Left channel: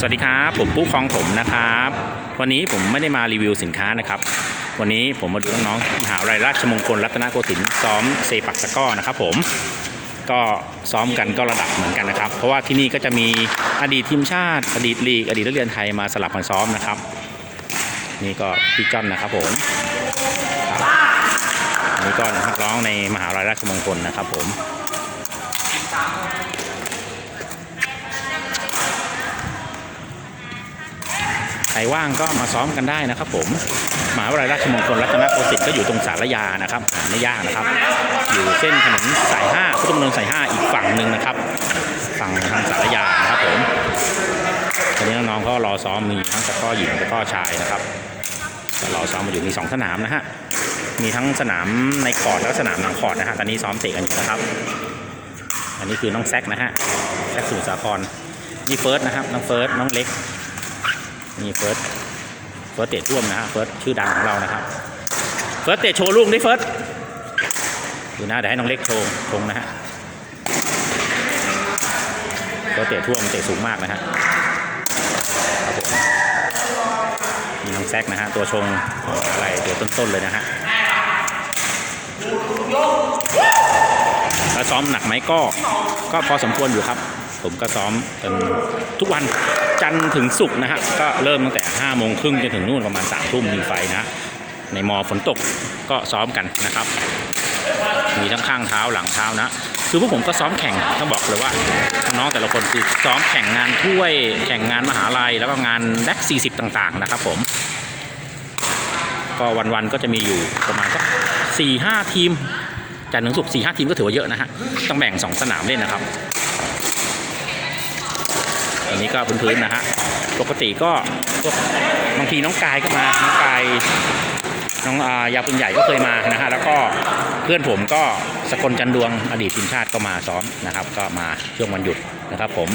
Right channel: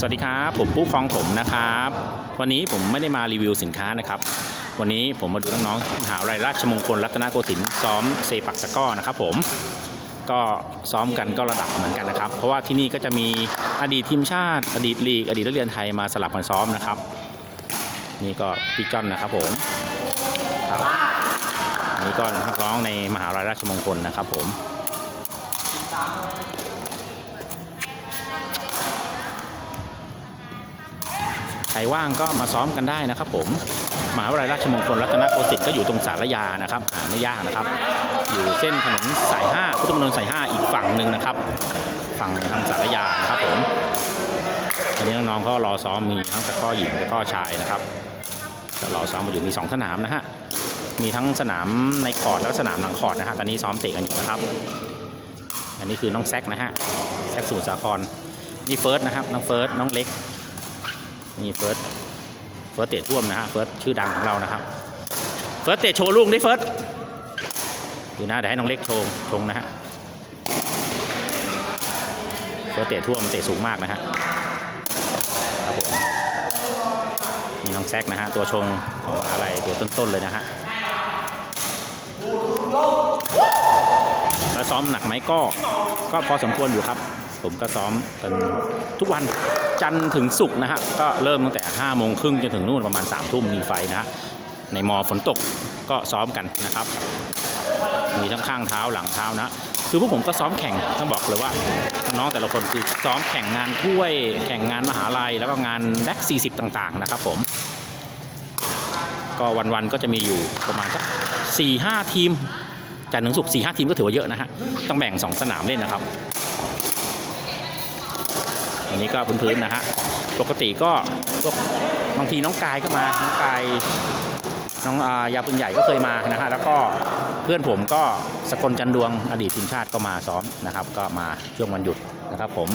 สวัสดีครับ ผมปุ๊คลองผมนะครับ วันนี้ผมไม่ได้มารีวิวสินค้านะครับ วันนี้ผมมาดูน้องๆมหาวิทยาลัยราชมงคลรัตนโกสินทร์ซ้อมเซปักตะก้อนะครับ ผมก็ซ้อมกันก็ระดับเหมือนกันนะครับ เพราะว่าที่นี่ก็จะมีอดีตทีมชาติ อดีตลีกอดีตนักเรียนไทยมาสลับกันซ้อมนะครับ นี่ก็พี่จ้อนนะครับผมครับอันนี่ก็นักร้องในมหาวิทยาลัยราชมงคลนะครับ ผม รว่างก็มาซ้อมกันได้นะครับผมมหาวิทยาลัยราชมงคลรัตนโกสินทร์ก็อยู่ตรงสารยานะครับหาไม่ยากนะครับ อยู่เส้นถนนสายห้าพุทธมณฑลสายห้าอีกฝั่งหนึ่งนะครับ ฝั่งทางสารยานะครับผมตอนนี้น้องๆเขารอซ้อมมีทั้งตะข้อหญิงตะข้อชายนะครับรอซ้อมมาอยู่มีสองสนามนะฮะมีทั้งสนามในคอร์ดและสนามหลังคอร์ดนะฮะตอนนี้ซ้อมเตะกันอยู่นะครับอันนี้คือน้องแซกนะฮะแซกสุทรสาครนี่เฟิร์สนะครับน้องเฟิร์สน้องเล็ก นี่เฟิร์สเฟิร์สเตะท่วมนะฮะเฟิร์สชื่อดังของเรานะครับเฟิร์สเตะโชว์ลูกไดิเฟิร์สดูนะเดี๋ยวให้น้องเล็กโชว์ชงนะฮะเฟิร์สเตะท่วมเตะสูงมากนะฮะมีน้องแซกนะฮะตัวชงอะไรตัวต้นๆเลยนะฮะแล้วซ้อมหนักไหมก็ก็พอสมควรอยู่ครับ ผมก็ซ้อมเป็นทุกวันจันทร์ถึงศุกร์นะฮะก็เริ่มตั้งแต่5โมงครึ่งจนถึงนู่นประมาณ3ทุ่มมีไฟนะในมอฝนตกก็ซ้อมกันนะครับ มีทั้งข้างเท้าหลังเท้านะคือพวกผมก็ซ้อมแข่งต้องบอกเลยว่าน้องแต่ละคนคือซ้อมแข่งงานถ้วย แข่งงานมหาลัยแล้วก็งานแลก40ต่างๆนะครับผม ก็วันๆก็จะมีอยู่ประมาณสักสี่ห้าทีมจันทร์ถึงศุกร์สี่ห้าทีมก็ถือว่าเยอะนะฮะต้องแบ่งสองสนามเล่นนะครับ อันนี้ก็พื้นๆนะฮะ ปกติก็บางทีน้องกายก็มา น้องกายน้องอายาปืนใหญ่ก็เคยมานะฮะ แล้วก็เพื่อนผมก็สกลจันดวงอดีตทีมชาติก็มาซ้อมนะครับ ก็มาช่วงวันหยุดนะครับผม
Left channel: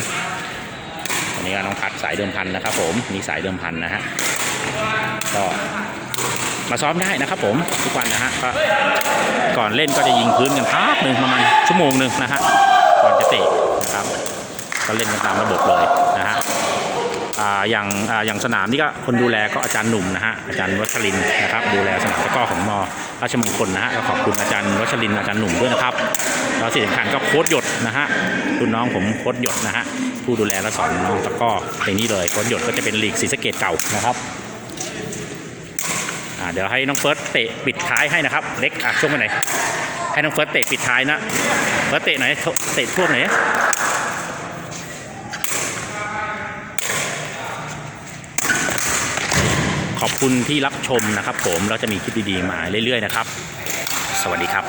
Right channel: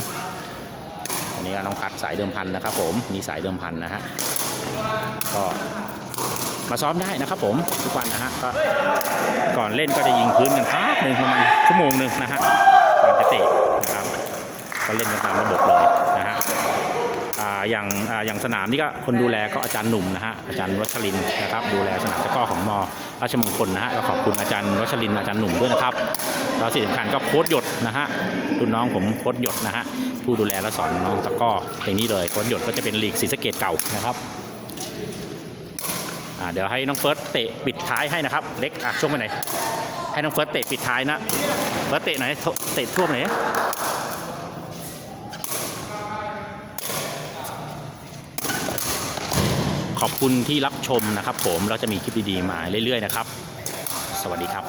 อันนี้ก็น้องพัดสายเดิมพันนะครับ ผม มีสายเดิมพันนะฮะ ก็มาซ้อมได้นะครับผมทุกวันนะฮะก็ก่อนเล่นก็จะยิงพื้นกันพักหนึ่งประมาณชั่วโมงหนึ่งนะฮะก่อนจะเตะ ก็เล่นตามระบบเลยนะฮะอย่างอย่างสนามนี่ก็คนดูแลก็อาจารย์หนุ่มนะฮะอาจารย์วัชรินนะครับดูแลสนามตะก้อของมอราชมงคลนะฮะก็ขอบคุณอาจารย์วัชรินอาจารย์หนุ่มด้วยนะครับแล้วสิ่งสำคัญก็โค้ดหยดนะฮะรุ่นน้องผมโค้ดหยดนะฮะผู้ดูแลและสอนน้องตะก้อในนี้เลยโค้ดหยดก็จะเป็นลีกศรีสะเกดเก่านะครับเดี๋ยวให้น้องเฟิร์สเตะปิดท้ายให้นะครับเล็กอะช่วงไปไหนให้น้องเฟิร์สเตะปิดท้ายนะเฟิร์สเตะไหนเตะท่วมหนอยขอบ คุณที่รับชมนะครับผมเราจะมีคลิปดีๆมาเรื่อยๆนะครับ สวัสดีครับ